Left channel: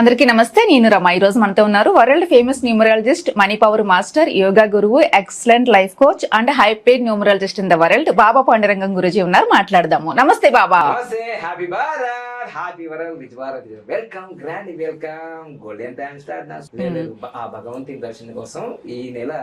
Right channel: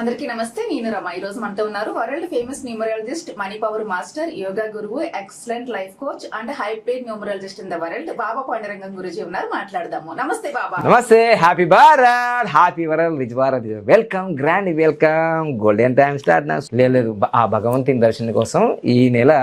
అందరికీ నమస్తే. నేను రమ. ఈ రోజు మనతో ఉన్నారు world famous numerologist, money power master, yoga గురువు, excellent life coach and high paid numerologist in the world Baba Pandurangam Guruji ఉన్నారు. మాట్లాడదాము. నమస్తే బాబా. నమస్తే. Happy Bharat, happy world, rich Bharat. Welcome, grand welcome. Golden time start. లేదు, ఆ భగవంతుని దర్శనం కోసం ఈ నెల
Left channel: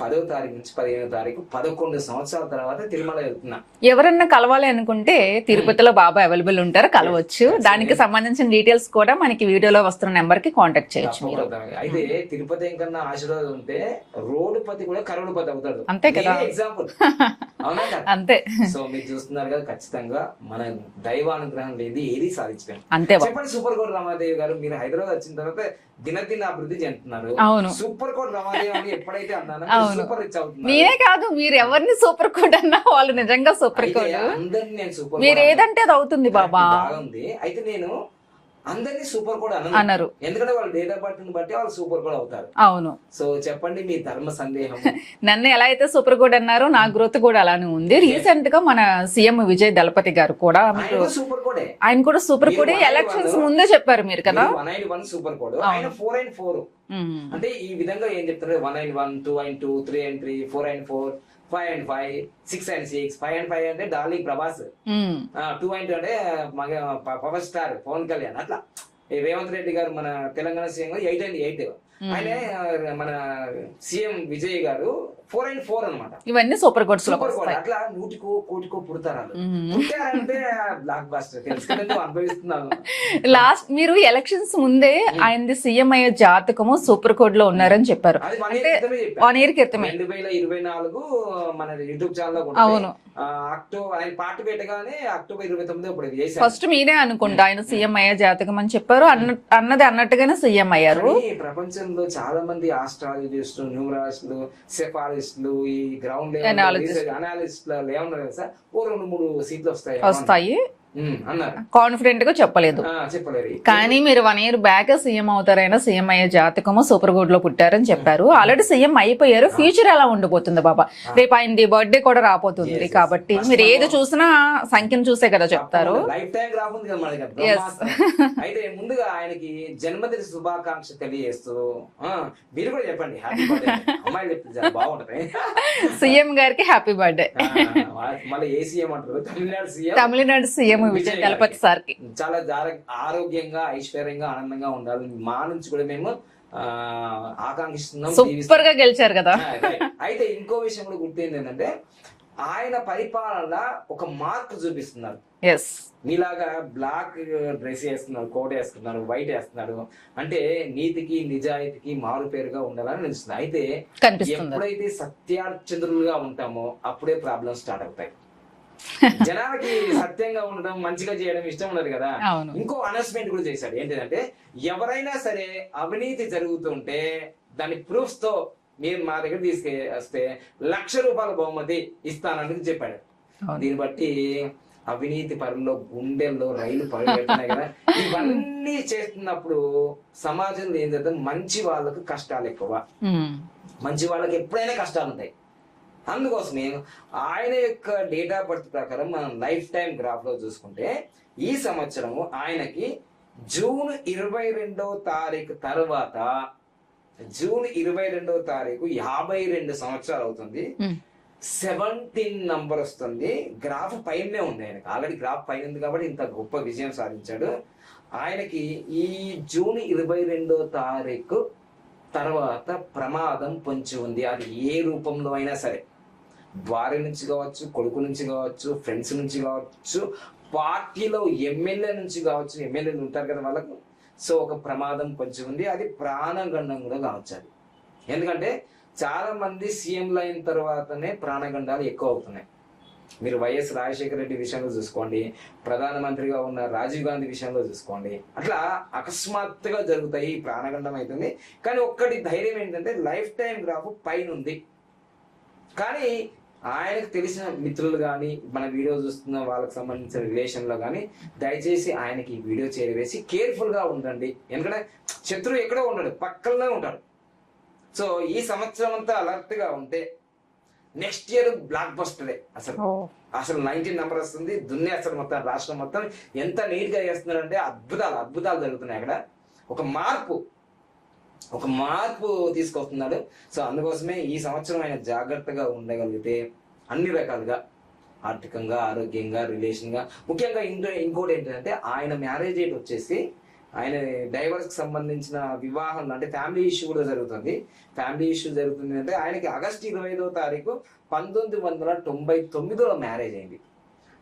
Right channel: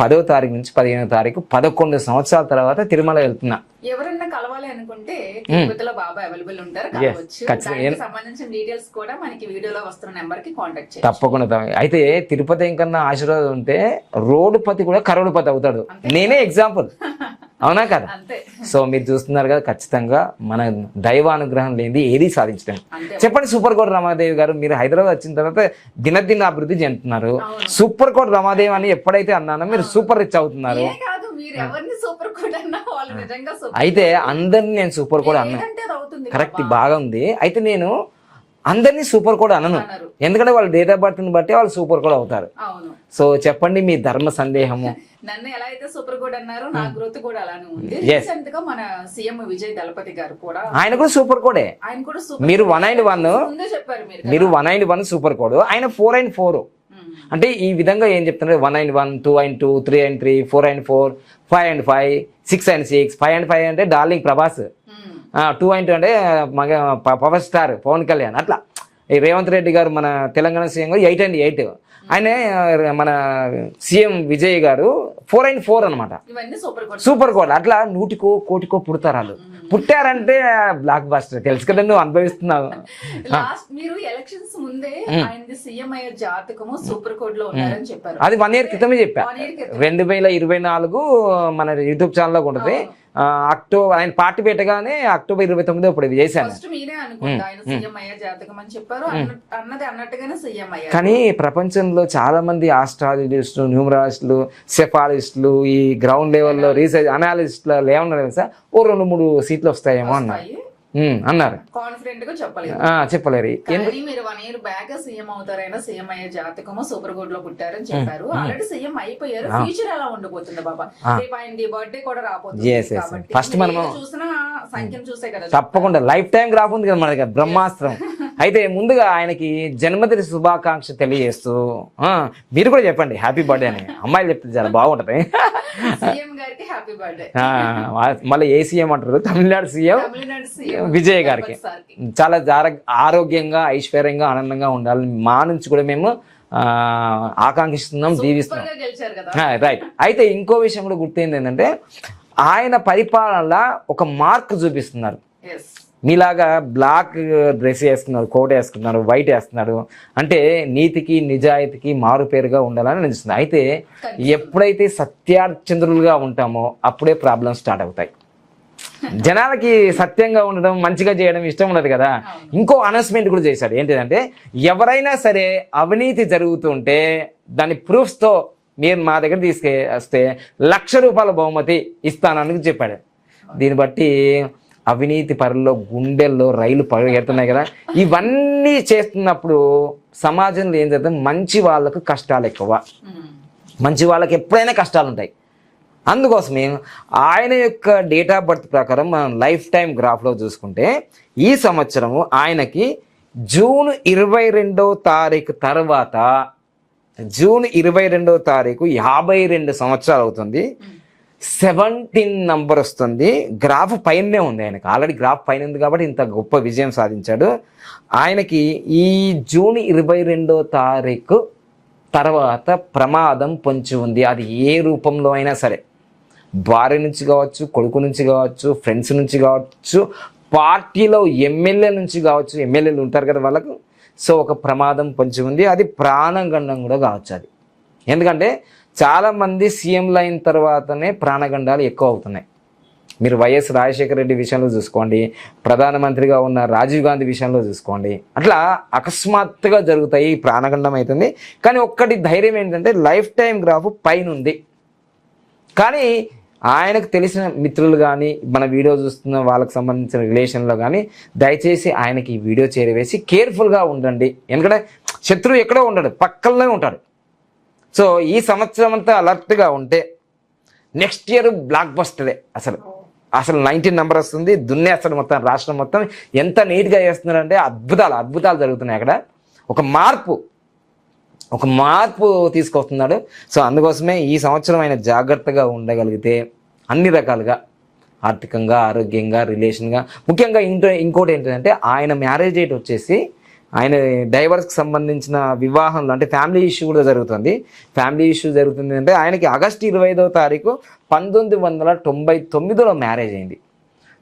10వ తారీఖు నుంచి 15వ తారీఖు 11 సంవత్సరాల తర్వాత తిరుమల వెళ్తున్నా. ఎవరన్నా కలవాలి అనుకుంటే తిరుపతిలో బాబా అవైలబుల్ ఉంటారు, కలవచ్చు. దానికి సంబంధించిన డీటెయిల్స్ కూడా మనకి వీడియోలో వస్తున్న నెంబర్ కి కాంటాక్ట్ చేయండి. తప్పకుండా. అయితే తిరుపతి ఇంకన్నా ఆశీర్వాదం ఉంటే రోడ్డుపతి కూడా కరోడుపతి అవుతాడు. నేనే ఎగ్జాంపుల్. అవునా కదా? అంతే. సో మీరు చూస్తున్నారు కదా, ఖచ్చితంగా మన దైవానుగ్రహం లేనిది ఏది సాధించలేం. అంతే. చెప్పండి సూపర్ కోట్ రమాదేవి గారు, మీరు హైదరాబాద్ వచ్చిన తర్వాత దినదిన అభివృద్ధి చెందుతున్నారు. సూపర్ కోట్ రమాదేవి అని ఎప్పుడైతే అన్నానో మీరు సూపర్ రిచ్ అవుతున్నారు. మీరే కాదు, మీరు ఎవరిని సూపర్ కోట్ అన్నా వాళ్ళు నిజంగా సూపర్. అయితే అందరినీ నేను సూపర్ కోట్ ఏదంటే అది అవుతుంది. బాగా ఉంది. అయితే నేను అందరినీ సూపర్ కోడ్ అన్నారు, ఎందుకంటే వాళ్ళ డేట్ ఆఫ్ బర్త్ ని బట్టి వాళ్ళు సూపర్ కోడ్ అవుతారు. అవును. సో చెప్పండి మీ ధర్మ సందేహము. నన్ను ఎలా అయితే సూపర్ కోడ్ అన్నారో నా గ్రోత్ కూడా అలానే ఉంది. రీసెంట్ గా మన సీఎం విజయ్ దళపతి గారు కూడా, ఆయన కూడా సూపర్ కోడే. ఆయన కూడా సూపర్. మీరు 191 ముందే చెప్పారు మీరు 191 సూపర్ కోడ్, ఆయన 494. అంటే ఈ విధంగా ఏం చెప్తున్నారు, 191, 292, 393, 494, 505, 696, 505 అంటే డార్లింగ్ ప్రభాస్, 292 అంటే మగ పవర్ స్టార్ పవన్ కళ్యాణ్. అట్లా ఈ రేవంత్ రెడ్డి గారు మన తెలంగాణ సీఎం గారు 898, ఆయన మన సీఎం విజయ్ గారు 494 అనమాట. ఇవన్నీ సూపర్ కోడ్. Super code. అట్లా 100కో కోటికో పుడతారు వాళ్ళు. పుట్టారంటే బ్లాక్ బాస్టర్. తెలుసు కదా, నువ్వు అనుభవిస్తున్నావు. లాస్ట్ మీరు ఎలక్షన్స్ ముందే ఆయనది సీఎం అయ్యే జాతకము సూపర్ కోడ్ లో ఉన్నారని చెప్పారు. అది 1 year క్రితమే చెప్పారు. 1 year క్రితం 2024 మన యూట్యూబ్ ఛానల్ లో ఉంటుంది. అక్టోబర్ ఆయన పార్టీ పెట్టగానే October 29 ఇప్పుడు ఇది చేశారు. ఫస్ట్ మీరే అనుకుంటా ఆయన సీఎం అయ్యే జాతకం అని చెప్పారు. అన్నది అన్నట్టుగానే సీఎం అయ్యారు. కానీ ప్రపంచంలో చాలా మంది ఆస్ట్రాలజిస్టులు, న్యూమరాలజిస్టులు, సెఫాలజిస్టులు, ఈ గ్రౌండ్ లెవెల్ లో రీసెర్చ్ అనాలిస్టులు ఏమన్నారు తెలుసా, ఓ 2-3 సీట్లు వస్తాయేమో అన్నారు. కాన్ఫిడెంట్ గా చెప్పలేదు. చెప్పలేరు. కానీ మీరు 1 year బ్యాక్ సీఎం అవుతారైనా సీఎం అయ్యే జాతకము సూపర్ గుడ్ లో పుట్టారని చెప్పారు. ఆల్రెడీ సీఎం అయిపోయారు. ఫ్యూచర్ ఎలా ఉండబోతుంది బాబా? రేపు ఆయనది బర్త్డే కూడా రాబోతుంది కాబట్టి మీరు ఏది చూసినా సంఖ్యను చూసే కదా. తప్పకుండా లైఫ్ టైం గ్రాఫ్ ఉంది కదా మనకి, బ్రహ్మాస్త్రం. అయితే ముందుగా ఆయనకి జన్మదిన శుభాకాంక్ష తెలియజేస్తూ మీరు కూడా చెప్పండి హ్యాపీ బర్త్డే అని. అమ్మాయిలు చెప్తే చాలా బాగుంటది. సీఎం గారికి హ్యాపీ బర్త్డే. మళ్ళీ ఏ సీఎం అంటారు? తమిళనాడు సీఎం విజయ్ గారికి చాలా ఆరోగ్యంగా, ఐశ్వర్యంగా, ఆనందంగా ఉండాలని మా నుంచి కూడా మేము ఆకాంక్షిస్తున్నాం. సూపర్ గా గెలిచారు కదా. రైట్. అయితే ఇంకో విషయం కూడా గుర్తయింది ఏంటంటే, ఆయన పరిపాలనలో ఒక మార్క్ చూపిస్తున్నారు. మీలాగా బ్లాక్ డ్రెస్ వేస్తున్నారు, కోట్ వేసుకున్నారు, వైట్ వేస్తున్నారు అంటే నీతికి నిజాయితీకి మారు పేరుగా ఉండాలని నిలుస్తుంది. అయితే ఎప్పుడైతే సత్యాచంద్రులుగా ఉంటామో అప్పుడే ప్రాబ్లమ్స్ స్టార్ట్ అవుతాయి. జనాలకి సత్యంగా ఉండడం, మంచిగా చేయడం ఇష్టం ఉండదు కదా. ఇంకో అనౌన్స్మెంట్ కూడా చేశాడు. ఏంటిదంటే, ఎవరైనా సరే అవినీతి జరుగుతుంటే దాని ప్రూఫ్స్ తో మీరు మా దగ్గర తీసుకొస్తే ₹1,00,000 బహుమతి ఇస్తానని చెప్పాడు. దీన్ని బట్టి అవినీతి పరుల్లో గుండెల్లో రైలు పరిగెడుతున్నాయి కదా. ఇవన్నీ చేస్తున్నప్పుడు సమాజంలో ఏం చేద్దాం, మంచి వాళ్ళకు కష్టాలు ఎక్కువ, మంచి వాళ్ళకి ఎప్పుడైనా కష్టాలు ఉంటాయి. అందుకోసమే ఆయన యొక్క డేట్ ఆఫ్ బర్త్ ప్రకారం మనం లైఫ్ టైం గ్రాఫ్లో చూసుకుంటే ఈ సంవత్సరము ఆయనకి జూన్ 22వ తారీఖు తర్వాత, జూన్ 22వ తారీఖు 52 సంవత్సరాలు అవుతుంది. 17 నంబర్ వస్తుంది. గ్రాఫ్ పైనే ఉంది ఆయనకు. ఆల్రెడీ గ్రాఫ్ పైన ఉంది కాబట్టి ఇంత గొప్ప విజయం సాధించాడు. ఆయనకి ఈ జూన్ 22వ తారీఖు తర్వాత ప్రమాదం పొంచి ఉంది. అది ఏ రూపంలో అయినా సరే, భార్య నుంచి కావచ్చు, కొడుకు నుంచి కావచ్చు, ఫ్రెండ్స్ నుంచి కావచ్చు, పార్టీలో ఎమ్మెల్యే నుంచి కావచ్చు. ఎమ్మెల్యేలు ఉంటారు కదా వాళ్ళకు. సో ఒక ప్రమాదం పొంచి ఉంది. అది ప్రాణగండం కూడా కావచ్చు. అది ఎందుకంటే చాలామంది సీఎంలు అయిన తర్వాతనే ప్రాణగండాలు ఎక్కువ అవుతున్నాయి. మీరు వైఎస్ రాజశేఖర రెడ్డి విషయంలో చూసుకోండి, ప్రధానమంత్రిగా ఉన్న రాజీవ్ గాంధీ విషయంలో చూసుకోండి. అట్లా అకస్మాత్తుగా జరుగుతాయి, ప్రాణగండం అవుతుంది. కానీ ఒక్కటి ధైర్యం ఏంటంటే, లైఫ్ టైం గ్రాఫ్ పైన ఉంది. కానీ ఆయనకు తెలిసిన మిత్రులు కానీ, మన వీడియో చూస్తున్న వాళ్ళకి సంబంధించిన రిలేషన్లో కానీ దయచేసి ఆయనకి ఈ వీడియో చేరవేసి కేర్ఫుల్గా ఉండండి. ఎందుకంటే శత్రువు ఎక్కడో ఉండడు, పక్కనే ఉంటాడు. సో ఈ సంవత్సరం అంతా అలర్ట్గా ఉంటే నెక్స్ట్ ఇయర్ బ్లాక్ బస్టరే. అసలు 19 నెంబర్ వస్తుంది. దున్నేస్తాడు మొత్తం రాష్ట్రం మొత్తం. ఎంత నీట్గా చేస్తున్నారంటే అద్భుతాలు జరుగుతున్నాయి అక్కడ. ఒక మార్పు తీసుకొస్తున్నాడు. సో అందుకోసమే ఈ సంవత్సరం ఆయన జాగ్రత్తగా ఉండగలిగితే అన్ని రకాలుగా ఆర్థికంగా, ఆరోగ్యంగా, రిలేషన్గా, ముఖ్యంగా ఇంకోటి ఏంటంటే ఆయన మ్యారేజ్ డేట్ వచ్చేసి ఆయన డైవర్స్కి సంబంధించిన వివాహంలో అంటే ఫ్యామిలీ ఇష్యూ కూడా జరుగుతుంది. ఫ్యామిలీ ఇష్యూ జరుగుతుంది అంటే ఆయనకి ఆగస్టు 25వ తారీఖు 1999లో మ్యారేజ్ అయింది.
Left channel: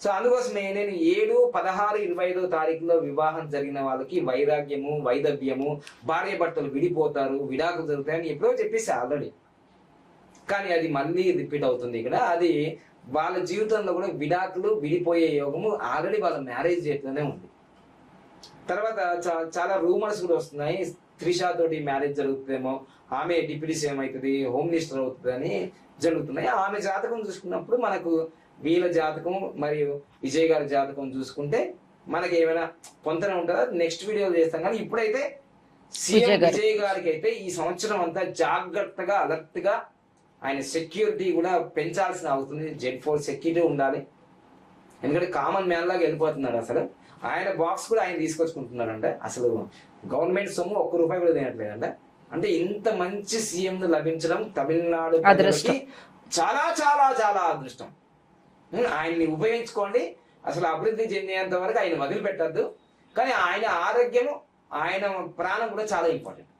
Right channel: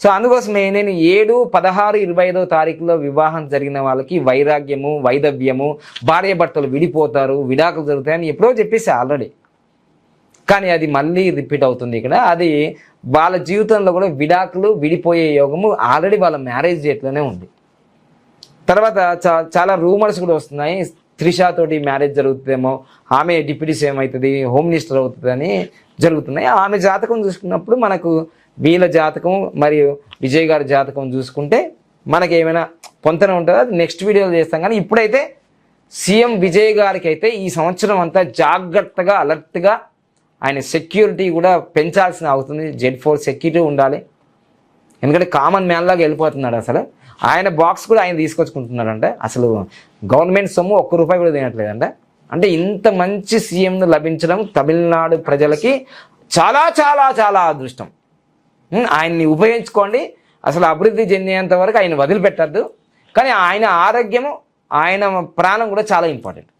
సో అందుకోసమే నేను 7, 16, 25వ తారీఖులో వివాహం జరిగిన వాళ్ళకి వైరాగ్యము, వైదవ్యము, భార్య భర్తలు విడిపోతారు, విడాకులు జరుగుతాయని ఎప్పుడో చెప్పేసి ఆల్రెడీ. కానీ అది మళ్ళీ రిపీట్ అవుతుంది ఇక్కడ. అది వాళ్ళ జీవితంలో కూడా విడిపోయే యోగము ఆల్రెడీ వాళ్ళ మ్యారేజ్ డేట్లోనే ఉంది. తర్వాత చాలా రూమర్స్ కూడా వస్తున్నాయి, త్రిషాతోటి మ్యారేజ్ జరుగుతుందేమో, ఆమె డిప్యూటీ సీఎం అవుతుంది, హోమ్ మినిస్టర్ అవుతుందని జరుగుతున్నాయి. ఆమె జాతకం చూసుకున్నప్పుడు మనకు వీళ్ళ జాతకం మరియు విజయ్ గారి జాతకం చూసుకుంటే మనకి ఏమైనా పొంతన ఉంటుందో నెక్స్ట్ వీడియోలో చేస్తాం. కానీ ఇప్పుడైతే సీఎం విజయ్ గారికి అయితే ఈ సంవత్సరం అంతా జాగ్రత్తగా, అలర్ట్గా ఆయన సెక్యూరిటీ కూడా పెంచాల్సిన అవుతుంది. Z4 సెక్యూరిటీ ఉండాలి. ఎందుకంటే కామన్ మ్యాన్ లాగా వెళ్ళిపోతున్నాడు. అసలు ఆయన బాక్స్ కూడా ఆయన తీసుకొచ్చుకుంటున్నారంటే అసలు గవర్నమెంట్ సొమ్ము ₹1 కూడా తినట్లేదంట. అంటే ఇంత మంచి సీఎంను లభించడం తమిళనాడు ప్రజలకి చాలా చాలా చాలా అదృష్టం. ఆయన్ని ఉపయోగించుకోండి. అసలు అభివృద్ధి చెందేంత వరకు ఆయన వదిలిపెట్టద్దు. కానీ ఆయన ఆరోగ్యము, ఆయన ప్రాణం కూడా చాలా ఇంపార్టెంట్.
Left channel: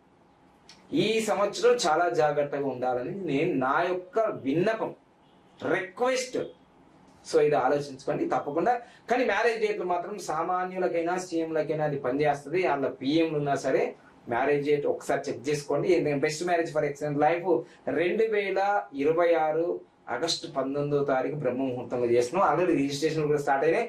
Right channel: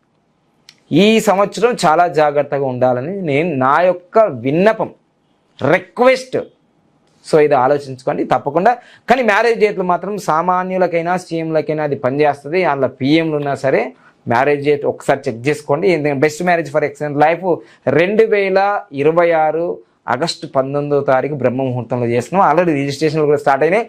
ఈ సంవత్సరం చాలా జాగ్రత్తగా ఉండాలని నేను నా యొక్క విన్నపం, రిక్వెస్ట్. సో ఇది ఆలోచించుకోండి తప్పకుండా. కానీ మ్యారేజ్ డేట్లు మాత్రం సామాన్యులకైనా సీఎంలకైనా అది పనిచేస్తుంది. అందులో పిఎంలు ఉన్నా సరే మ్యారేజ్ డేట్ ఒకసారి చెక్ చేసుకోండి. Best marriage for excellent life 2026 August 19వ తారీఖు బ్రహ్మ ముహూర్తంలో చేస్తున్నాం. ఆల్రెడీ రిజిస్ట్రేషన్లు కూడా స్టార్ట్ అయినాయి.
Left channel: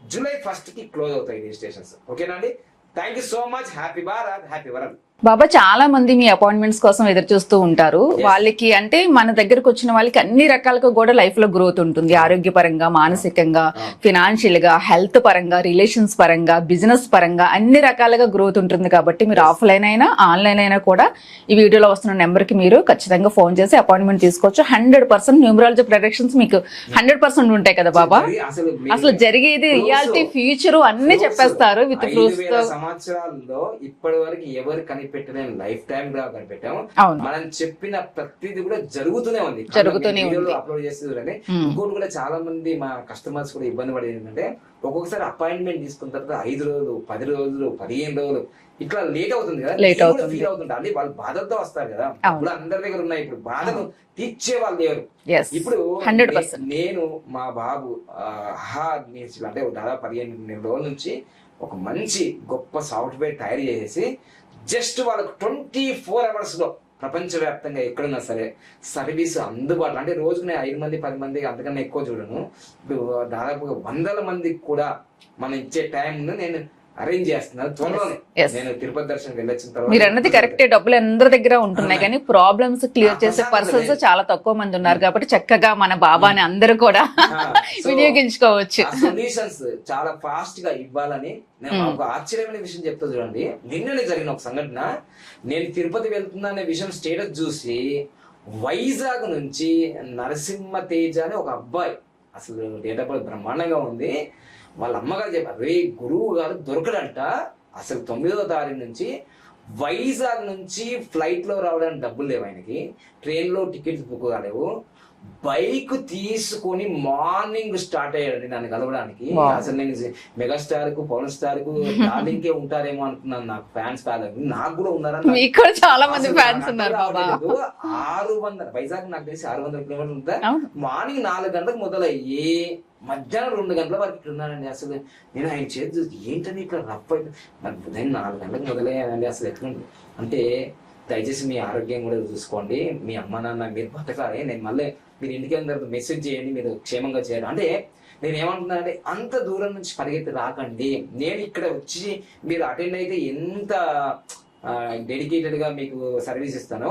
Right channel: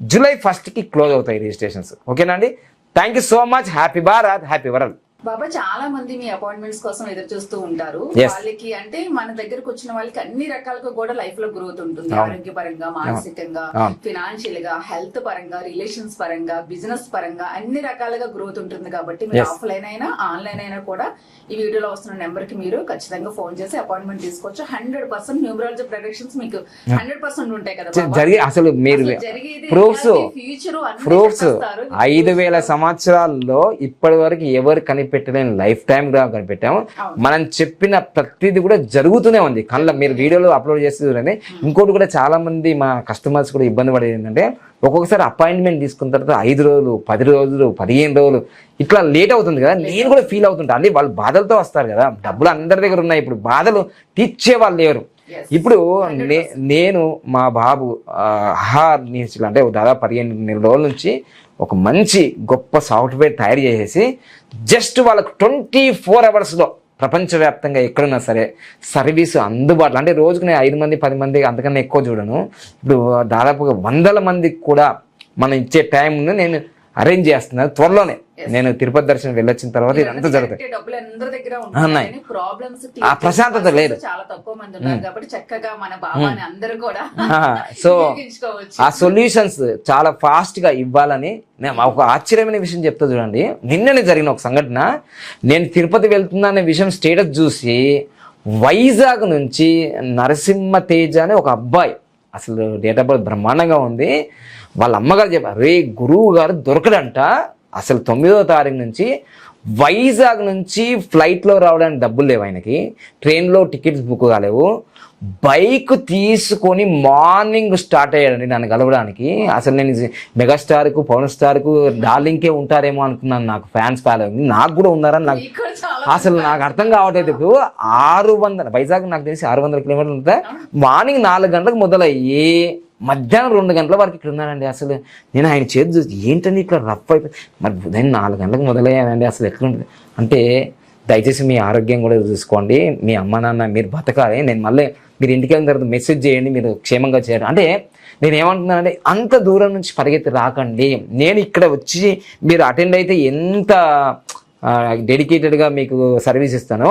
జూలై 1కి క్లోజ్ అవుతాయి రిజిస్ట్రేషన్స్. ఓకేనా అండి? Thank you so much. Happy Bharat, happy world. Baba, చాలా మంది మీ అపాయింట్మెంట్స్ కోసం ఎదురు చూస్తూ ఉంటారు. వాళ్ళకి అంటే మన దగ్గరకు వచ్చిన వాళ్ళకి అన్ని రకాలుగా కూడా లైఫ్ లో గ్రోత్ ఉంటుంది. ఆరోగ్యపరంగా, మానసికంగా, ఫినాన్షియల్ గా, హెల్త్ పరంగా, రిలేషన్స్ పరంగా, బిజినెస్ పరంగా అన్ని రకాలుగా గ్రోత్ ఉంటుంది. కాబట్టి మీరు ఆఫ్లైన్ అయినా ఆన్లైన్ అయినా కూడా ఈ వీడియోలో వస్తున్న నెంబర్ కి మీరు ఖచ్చితంగా ఫోన్ చేసి అపాయింట్మెంట్ తీసుకోవచ్చు. 100% న్యూమరాలజీ ప్రొడక్షన్స్ మీకు 100% ఉంటాయి కదా బాబా. అసలు జరిగేది రియాలిటీ, ఫ్యూచర్ అన్ని చెప్పేస్తారు. 5000 సంవత్సరాల్లో ఇప్పటి వరకు ఎవరు కనిపెట్టలేని లైఫ్ టైం గా కనిపెట్టాము. మనం చెప్పిన ప్రతిది కూడా జరుగుతూనే ఉంది. మీరు వీడియోలో అప్లోడ్ చేస్తుంది. ఇంకోటి కూడా చాలా మంది మా కస్టమర్స్ కూడా ఇబ్బంది పడేది ఏంటంటే ఒక్కొక్కసారి అపాయింట్మెంట్ తీసుకున్న తర్వాత 5 రోజులు, 10 రోజులు, 15 రోజులు ఇట్లా లేట్ అవుతుంది కదా. నేను కూడా ఫీల్ అవుతుంటా. అంటే వాళ్ళు బాధలతో వస్తారు కదా, డబ్బులు అందరి దగ్గర ఉన్నాయి. ఇప్పుడు బాధలు తీర్చే వాళ్ళు లేరు. ఇప్పుడు నేను మా బాబు అంటే దాదాపు 15 రోజుల నుంచి ఒక మంచి గొప్ప సాఫ్ట్వేర్ తయారు చేసేసి జస్ట్ వాళ్ళకు 24 అవర్స్లో ప్రపంచవ్యాప్తంగా ఎక్కడున్నా సరే సర్వీస్ అందుబాటులో. అంటే రోజుకు నేను 5 మంది 10 మంది అంతకన్నా ఎక్కువ చూడను. ఇప్పుడు దాదాపుగా 100 మందికి కూడా మనం ఇచ్చే టైం నేను అరేంజ్ చేస్తున్నాను. త్వరలోనే నేను తిరుపతి దర్శనం వెళ్ళొచ్చిన తర్వాత డబ్బులు అందరి దగ్గర ఉంటున్నాయి కానీ ప్రాబ్లమ్స్ క్లియర్ చాలా తక్కువ మంది ఉన్నారు. కాబట్టి చక్కగా మన బాబాని అందరూ కూడా వినియోగించుకోవచ్చు. ఆ సొల్యూషన్స్ చాలా ఫాస్ట్ గా ఇవ్వాలని నేను ఒక ఆశ్చర్యమైన విషయం చెప్తా చూడండి. నిన్ననే జరిగిన ఒక సంఘటన. నేను తిరుపతి వెళ్తున్నా అనే విషయం స్టేటస్ చూసి వైజాగ్ నుంచి నరసింహ తేజ అనే ఒక అబ్బాయి, అసలు డేట్ ఆఫ్ బర్త్ బ్రహ్మాండంగా ఉంది. వాళ్ళ అమ్మగారు చెప్పారు, రే గురువు గారు దొరకడంట. అసలు 9వ తారీఖు నుంచి వైజాగ్ నుంచి ఫ్లైట్లో రావడానికి డబ్బులు లేవు ఆయనకి, ట్రైన్లో టికెట్స్ బుక్ కాలేవు. బైక్ తీసుకొని మార్నింగ్ స్టార్ట్ అయ్యాడండి నన్ను కలవడానికి. అసలు నేను మెగాస్టార్కు, పవన్ స్టార్కు, డార్లింగ్కే ఉంటారేమో అనుకున్నాను. నాకు ఫ్యాన్స్ నాకు కూడా ఉన్నారని అసలు నాకు అర్థం కావట్లేదు. 600 వైజాగ్ నాకు తెలిసి 600 కిలోమీటర్లు ఉంటాయి. మార్నింగ్ 4 గంటలకు మొదలయ్యి మధ్యాహ్నం 2 గంటల వరకు ఇక్కడ ఉన్నానండి. అసలు నేను ఆయన చేతి చూసి ఏంటండి ఇట్లా రఫ్ అయిపోయి, మరి ఉదయం 4 గంటలకు మొదలయ్యానండి. అసలు ఎట్లుంటుంది అంటే దయచేసి మీ ఆరోగ్యం కూడా చూసుకోండి. మీ అమ్మ నాన్న మీరు బతకాలి. నేను మళ్ళీ మీరు ఇంటికి వెళ్ళిన తర్వాత మెసేజ్ చేయండి, మీరు క్షేమంగా చేయరు అంటే నేను ఏమంటున్నానంటే అంత దూరం నుంచి పరిగెత్తి రాకండి. నేను ఇక్కడ వచ్చి మీరు అటెండ్ అయితే ఎంత డెడికేటెడ్గా మీకు సర్వీస్ ఇస్తానో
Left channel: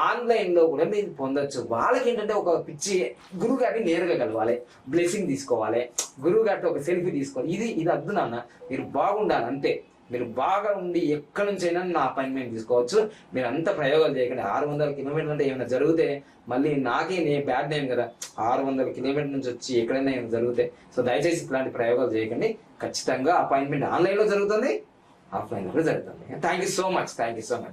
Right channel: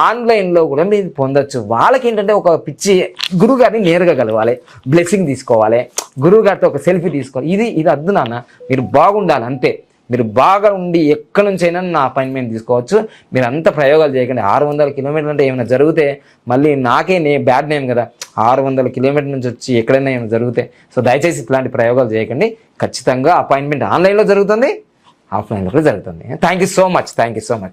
ఆన్లైన్లో కూడా మీరు పొందొచ్చు. వాళ్ళకి ఏంటంటే ఒక పిచ్చి గురువు గారిని నేరుగా కలవాలి, బ్లెస్సింగ్ తీసుకోవాలి, గురువు గారితో ఒక సెల్ఫీ తీసుకోవాలి. ఇది అద్దు నాన్న, మీరు బాగుండాలి అంతే. మీరు బాగా ఉండి ఎక్కడి నుంచి అయినా నా అపాయింట్మెంట్ తీసుకోవచ్చు. మీరు అంత ప్రయోగాలు చేయకండి. 600 కిలోమీటర్లు అంటే ఏమైనా జరిగితే మళ్ళీ నాకే బ్యాడ్ నేమ్ కదా. 600 కిలోమీటర్ల నుంచి వచ్చి ఎక్కడైనా ఏమైనా జరిగితే. సో దయచేసి ఇట్లాంటి ప్రయోగాలు చేయకండి. ఖచ్చితంగా అపాయింట్మెంట్ ఆన్లైన్లో జరుగుతుంది. ఆఫ్లైన్లో కూడా జరుగుతుంది. Thank you so much.